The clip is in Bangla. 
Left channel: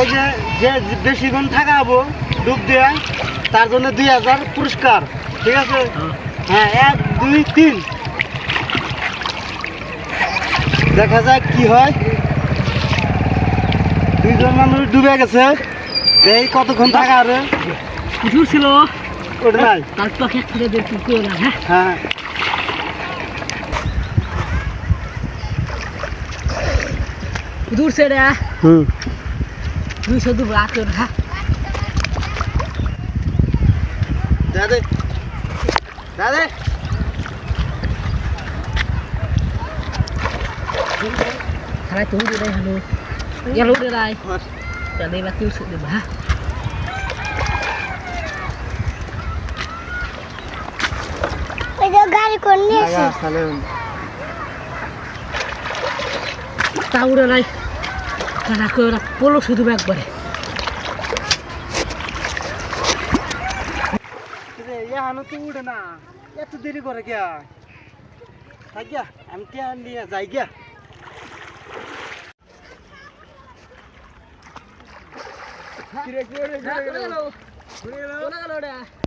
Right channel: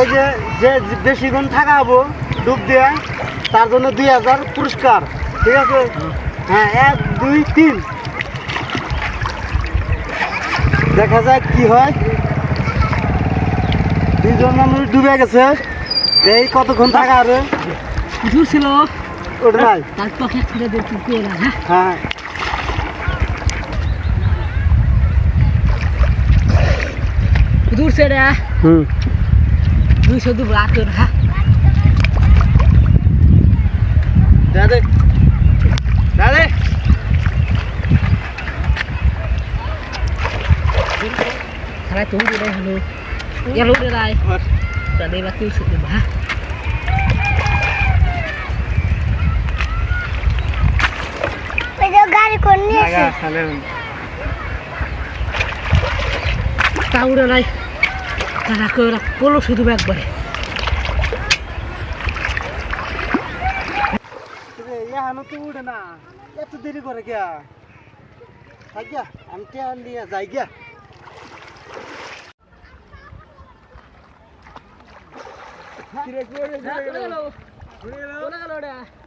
এই যে যে বেশিক্ষণ থাকাবো ডুব দিয়ে তার জন্য 2000 পুরস্কার, ঠিক আছে? হ্যাঁ, 1 2 3 দেখা যাক কি হয়। 2 জন মানুষ ডুবে গেছে, এই কতক্ষণ থাকা আরে দূর ছিল ওটা নাই। তার পাখি খুলে দেখি কি না। হ্যাঁ দূর से रे হুম 200 दूर आके रहा দাদা দাদা Hai tú đi đây hello. Nghe lút đi đây. Ở đây là tiêu sự được hả? Bây giờ গাড়ি কোন নিয়ে লাগা সালে Tao đi đây. Cả cơ là polo শুধু একবারে। এখানে তো উঠে না, এত দেরি করে কে? থাক গিয়া, আমি কে নিয়ে যাই গিয়া। Gelo. Gelo. Gelo.